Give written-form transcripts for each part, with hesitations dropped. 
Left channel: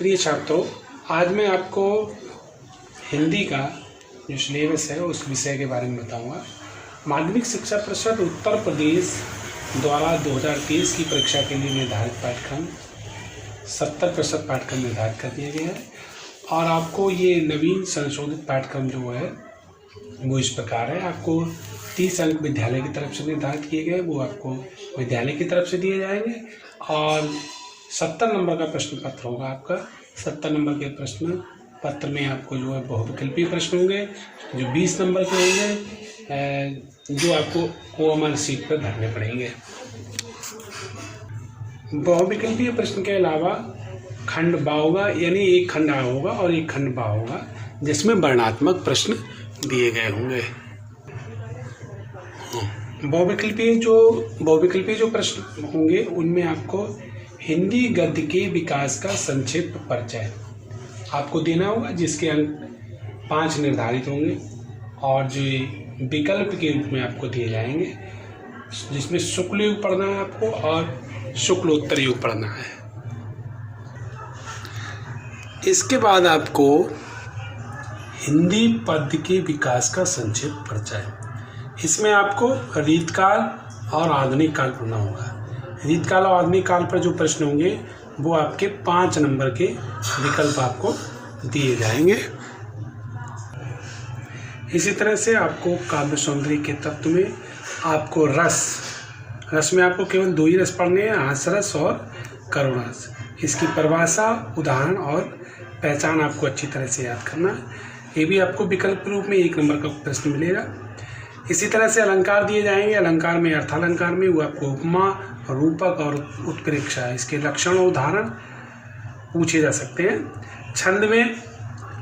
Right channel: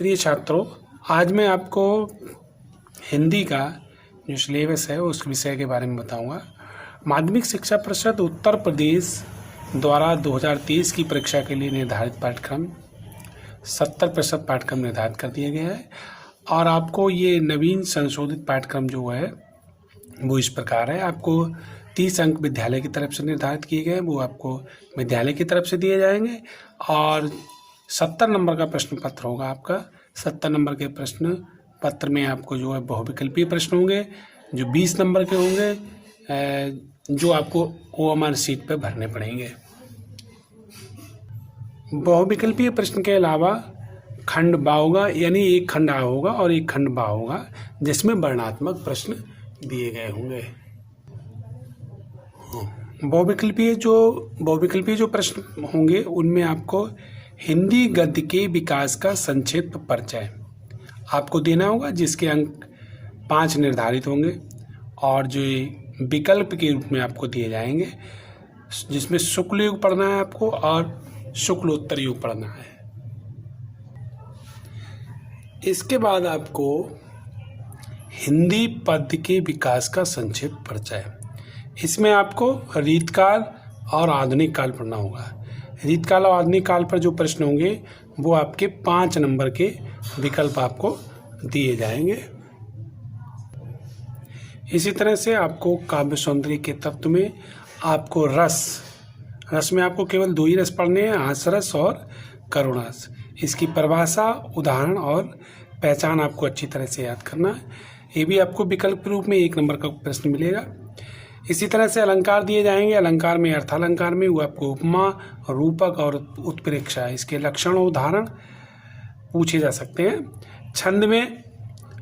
प्रिय छात्रों, आज मैं आपको हिंदी का जो सिलेबस है उस विषय के बारे में बताऊंगा। माध्यमिक शिक्षा परिषद उत्तर प्रदेश द्वारा 2023 की परीक्षा के लिए निर्धारित पाठ्यक्रम 70% पाठ्यक्रम निर्धारित कर दिया गया है और आपको ये नवीन संशोधित पाठ्यक्रम जो है वो इस प्रकार है। आपको 30 अंक विद्यालय की तरफ से निर्धारित किए गए, वो आपको विद्यालय की तरफ से दिए जाएंगे और 70 नंबर का प्रश्न पत्र होगा आपका। 70 नंबर के प्रश्न पत्र में आपको जो है बहुविकल्पीय प्रश्न होंगे जो 20 नंबर के होंगे, जो आपको OMR शीट पर भरने पड़ेंगे। बहुविकल्पीय प्रश्न के अलावा खंड बा होगा, यानी एक खंड आ होगा और एक खंड बा होगा जिसमें वर्णात्मक प्रश्न दिए गए होंगे। बहुविकल्पीय जो प्रश्न होंगे उनमें आपको हिंदी गद्य के विकास का संक्षिप्त परिचय आपको देना होगा, जिसके अंक 5 निर्धारित होंगे और जो विकल्प के रूप में आपको दिए जाएंगे, जिसमें शुक्ल युग पढ़ना है आपको और शुक्लोत्तर युग पढ़ना है। इसके बाद आपको हिंदी पद्य के विकास का संक्षिप्त परिचय, इसमें आपको रीतकाल और आधुनिक काल पढ़ना होगा। रीतकाल और आधुनिक काल पर जो प्रश्न होंगे वो आपके 5 नंबर के विकल्प आपको दिए जाएंगे। इसी तरह से आपको काव्य सौंदर्य के तत्व में आपको रस में आपको केवल 2 ही रस पढ़ने हैं, हास्य रस और करुण रस। इसकी परिभाषा, उदाहरण और पहचान आपको अच्छी तरह से याद करना है। ये भी आपको विकल्प रूप में 1 नंबर का प्रश्न मिलेगा। इसी तरह से अलंकार दिए जाएंगे। अलंकार में अर्थालंकार में वो आपको उपमा, रूपक और उत्प्रेक्षा, इसके लक्षण और उदाहरण पूछे जा सकते हैं। छंद में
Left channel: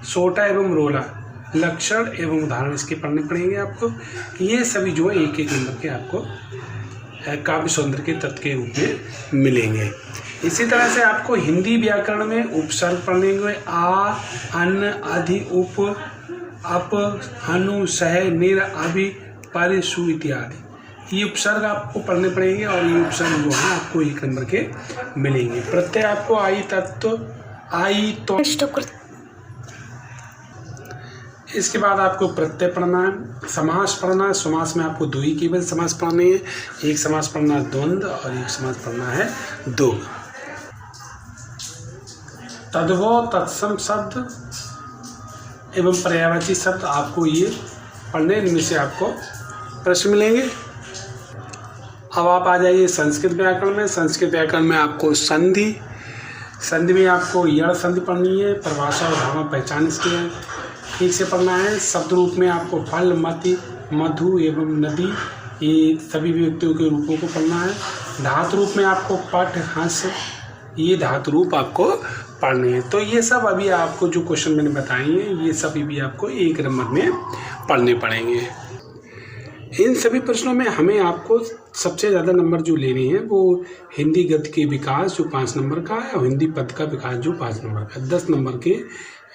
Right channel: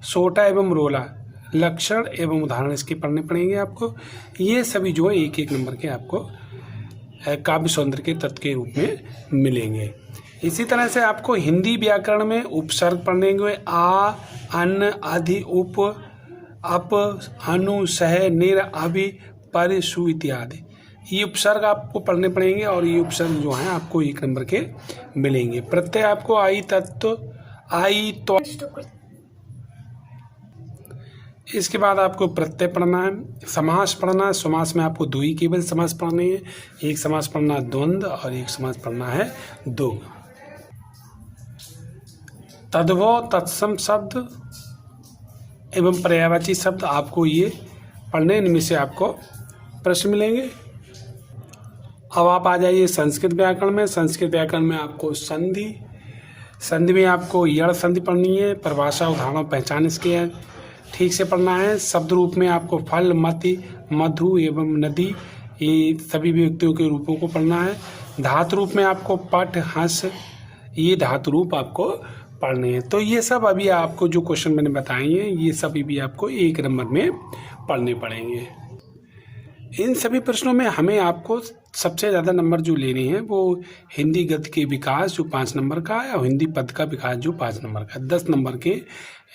सोटा एवं रोला, लक्षण एवं उदाहरण इसके पढ़ने पड़ेंगे आपको। ये सभी जो है 1-1 नंबर के आपको काव्य सौंदर्य के तत्व के रूप में मिलेंगे। इसी तरह से आपको हिंदी व्याकरण में उपसर्ग पढ़ने के आ, अन, अधि, उप, अप, अनु, सह, निर, अभि, पर, सु इत्यादि, ये उपसर्ग आपको पढ़ने पड़ेंगे और ये उपसर्ग जो है आपको 1 नंबर के मिलेंगे। प्रत्यय आपको आई, तत्व, आई, तो इसके बाद आपको प्रत्यय पढ़ना है, समास पढ़ना है। समास में आपको 2 ही केवल समास पढ़ने हैं। एक समास पढ़ना है द्वंद्व और एक समास पढ़ना है दो। तद्भव, तत्सम शब्द एवं पर्यायवाची शब्द आपको ये पढ़ने, इनमें से आपको प्रश्न मिलेंगे। अब आप आ जाइए संस्कृत व्याकरण में। संस्कृत व्याकरण में आपको संधि में आपको यण संधि पढ़नी है। परिभाषा, उदाहरण, पहचान इसकी है ठीक से पढ़ना है। शब्द रूप में आपको फल, मति, मधु एवं नदी, ये सभी व्यक्तियों के रूपों को पढ़ना है। धातु रूप में आपको पट, हंस, ये धातु रूप आपको पढ़ने हैं। तो ये सब अभी आपको जो क्वेश्चन मैंने बताए हैं ये सभी भी आपको 1 नंबर में पढ़ने पड़ेंगे। इन सभी प्रश्नों में हमें आपको सबसे ज़्यादा नंबर जो लेने हैं वो हिंदी गद्य के विकास जो 5 नंबर का है और हिंदी पद का विकास जो 5 नंबर का, 10 नंबर के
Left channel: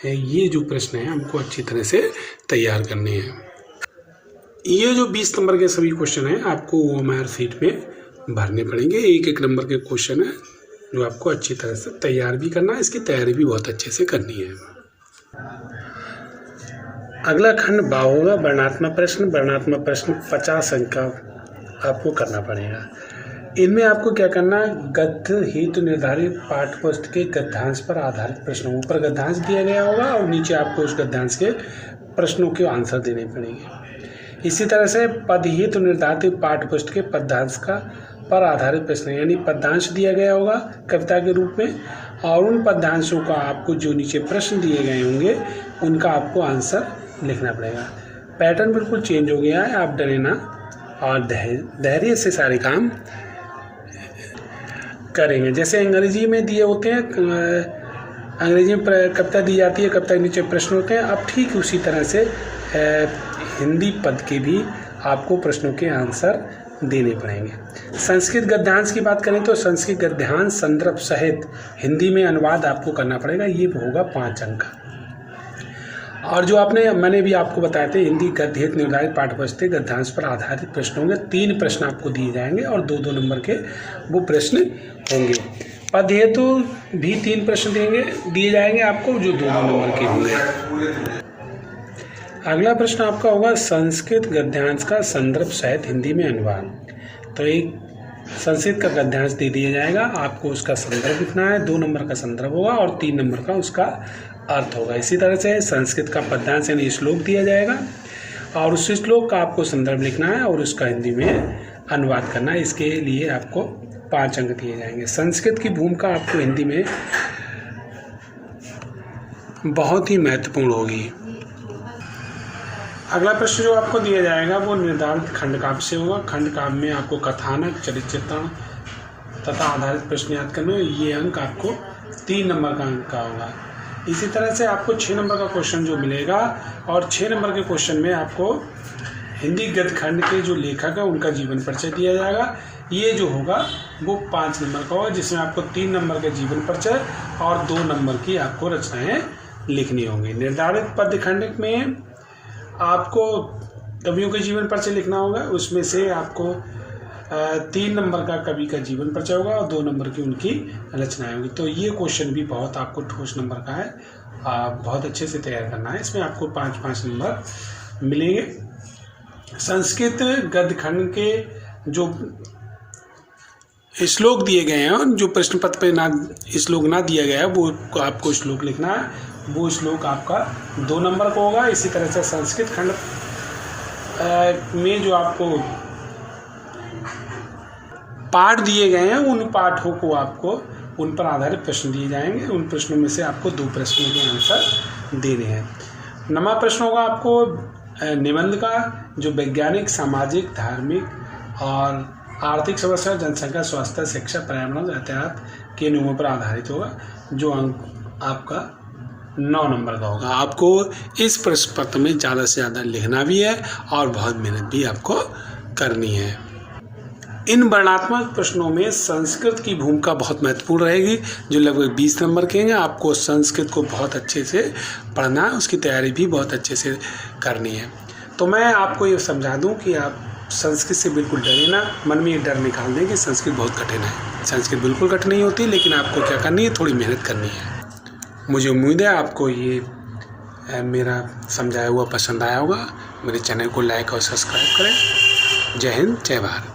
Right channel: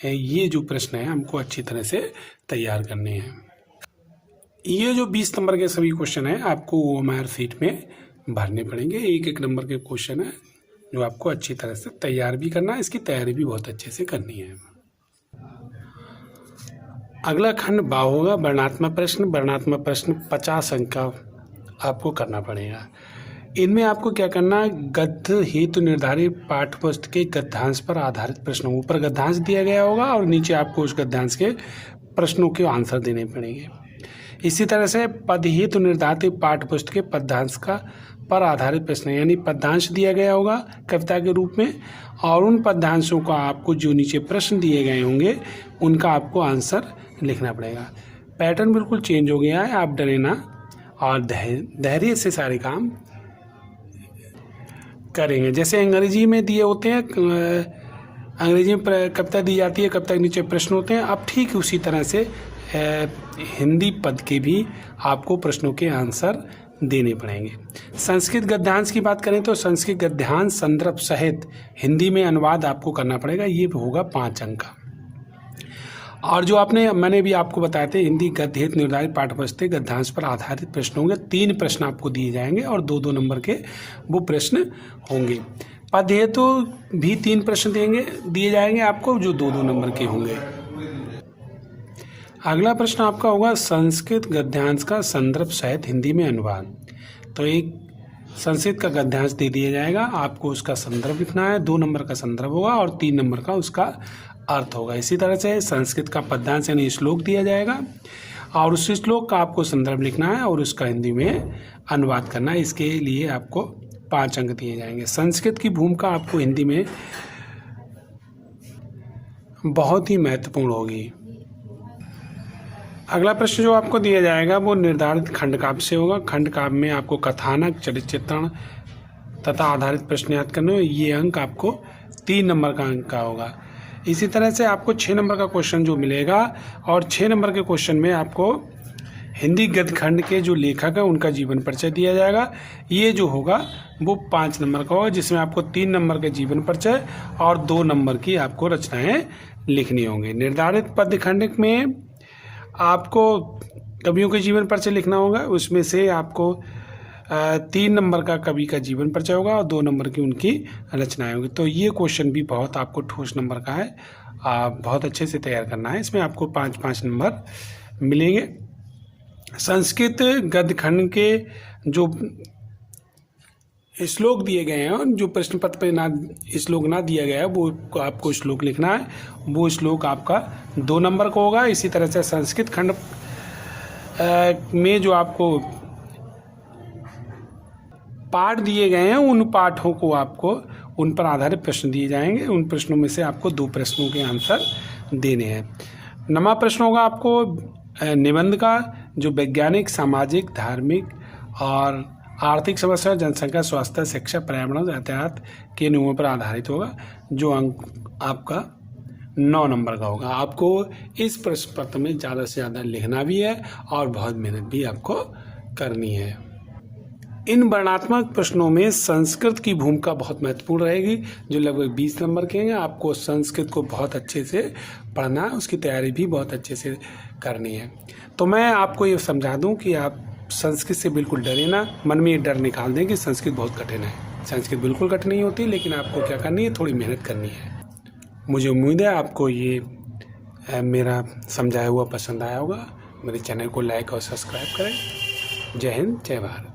ये जो प्रश्न हैं हमको अच्छी तरह से तैयार करने हैं। ये जो 20 नंबर के सभी क्वेश्चन हैं आपको OMR शीट में भरने पड़ेंगे। 1-1 नंबर के क्वेश्चन है जो आपको अच्छी तरह से तैयार भी करना है। इसकी तैयारी भी बहुत अच्छे से करनी है। अगला खंड बा होगा, वर्णात्मक प्रश्न। वर्णात्मक प्रश्न 50 अंक का आपको करना पड़ेगा। इनमें आपको क्या करना है, गद्य हेतु निर्धारित पाठ्य पुस्तक के गद्यांश पर आधारित प्रश्नों, ऊपर गद्यांश दिया गया होगा और नीचे आपको उस गद्यांश के प्रश्नों के आंसर देने पड़ेंगे। इसी तरह से पद हेतु निर्धारित पाठ्य पुस्तक के पद्यांश का पर आधारित प्रश्न, यानी पद्यांश दिया गया होगा कविता के रूप में और उन पद्यांशों का आपको जो नीचे प्रश्न दिए गए होंगे उनका आपको आंसर लिखना पड़ेगा। पैटर्न बिल्कुल चेंज हो गया है, आप डरे ना और धैर्य से सारे काम करेंगे। जैसे अंग्रेजी में दिए होते हैं, अंग्रेजी में कविता दी जाती है, कविता के नीचे प्रश्न होते हैं, अब ठीक उसी तरह से हिंदी पद के भी आपको प्रश्नों के आंसर देने पड़ेंगे। संस्कृत गद्यांश की बात करें तो संस्कृत गद्यांश संदर्भ सहित हिंदी में अनुवाद आपको करना पड़ेगा, ये होगा 5 अंक का। और जो मैंने भी आपको बताए थे हिंदी गद्य हेतु निर्धारित पाठ्यपुस्तक गद्यांश पर आधारित प्रश्न होंगे। 3 प्रश्न आपको दिए जाएंगे और 2-2 नंबर के वो प्रश्न होंगे। पद हेतु भी 3 प्रश्न दिए जाएंगे आपको, जो 2 नंबर के होंगे। अगला प्रश्न आपका होगा संस्कृत गद्यांश का संदर्भ सहित हिंदी में अनुवाद। तो एक संस्कृत का गद्यांश दे दिया जाएगा, आपको उसका संदर्भ लिखना है। 2 नंबर का संदर्भ होगा और 3 नंबर का उसका अर्थ होगा। इसी तरह से संस्कृत का पद्यांश यानी श्लोक दिया जाएगा और उस श्लोक का आपको संदर्भ लिखना है और उसका हिंदी में अनुवाद करना है। इसके लिए आपको 5 अंक दिए जाएंगे। संस्कृत की भूमिका आपको हिंदी में बहुत ही महत्वपूर्ण होगी। अगला प्रश्न जो आपको दिया जाएगा वो निर्धारित खंडकाव्य से होगा। खंडकाव्य में आपको कथानक, चरित्र चित्रण तथा आधारित प्रश्न याद करने। ये अंक आपको 3 नंबर का अंक का होगा। इसी तरह से आपको 6 नंबर का क्वेश्चन जो मिलेगा और 6 नंबर के क्वेश्चन में आपको हिंदी गद्य खंड के जो लेखक है उनका जीवन परिचय दिया जाएगा। ये जो होगा वो 5 नंबर का होगा, जिसमें आपको 3 नंबर का जीवन परिचय और 2 नंबर की आपको रचनाएं लिखनी होंगी। निर्धारित पद्य खंड में आपको कवियों के जीवन परिचय लिखना होगा। उसमें से आपको 3 नंबर का कवि का जीवन परिचय होगा और 2 नंबर की उनकी रचनाएं होंगी। तो ये क्वेश्चन भी बहुत आपको ठोस नंबर का है, बहुत अच्छे से तैयार करना है। इसमें आपको 5-5 नंबर मिलेंगे। संस्कृत गद्य खंड के जो श्लोक दिए गए हैं, जो प्रश्न पत्र पे ना श्लोक ना दिया गया है, वो आपको श्लोक लिखना है। वो श्लोक आपका 2 नंबर का होगा। इसी तरह से संस्कृत खंड में जो आपको पाठ दिए गए हैं, उन पाठों को आपको उन पर आधारित प्रश्न दिए जाएंगे। उन प्रश्नों में से आपको 2 प्रश्नों के आंसर देने हैं। नवा प्रश्न होगा आपको निबंध का, जो वैज्ञानिक, सामाजिक, धार्मिक और आर्थिक समस्या, जनसंख्या, स्वास्थ्य, शिक्षा, पर्यावरण, यातायात के नियमों पर आधारित होगा, जो अंक आपका 9 नंबर का होगा। आपको इस प्रश्न पत्र में ज़्यादा से ज़्यादा लिखना भी है और बहुत मेहनत भी आपको करनी है। इन वर्णनात्मक प्रश्नों में संस्कृत की भूमिका बहुत महत्वपूर्ण रहेगी, जो लगभग 20 नंबर के हैं। आपको संस्कृत को बहुत अच्छे से पढ़ना है, उसकी तैयारी भी बहुत अच्छे से करनी है। तो मैं आपको ये समझा दूं कि आप संस्कृत से बिल्कुल डरे ना, मन में ये डर निकाल दें कि संस्कृत बहुत कठिन है। संस्कृत बिल्कुल कठिन नहीं होती, लेकिन आपको क्या करनी है, थोड़ी मेहनत करनी है। मुझे उम्मीद है आपको ये मेरा समझाया हुआ पसंद आया होगा। मेरे चैनल को लाइक और सब्सक्राइब करें। जय हिंद, जय भारत।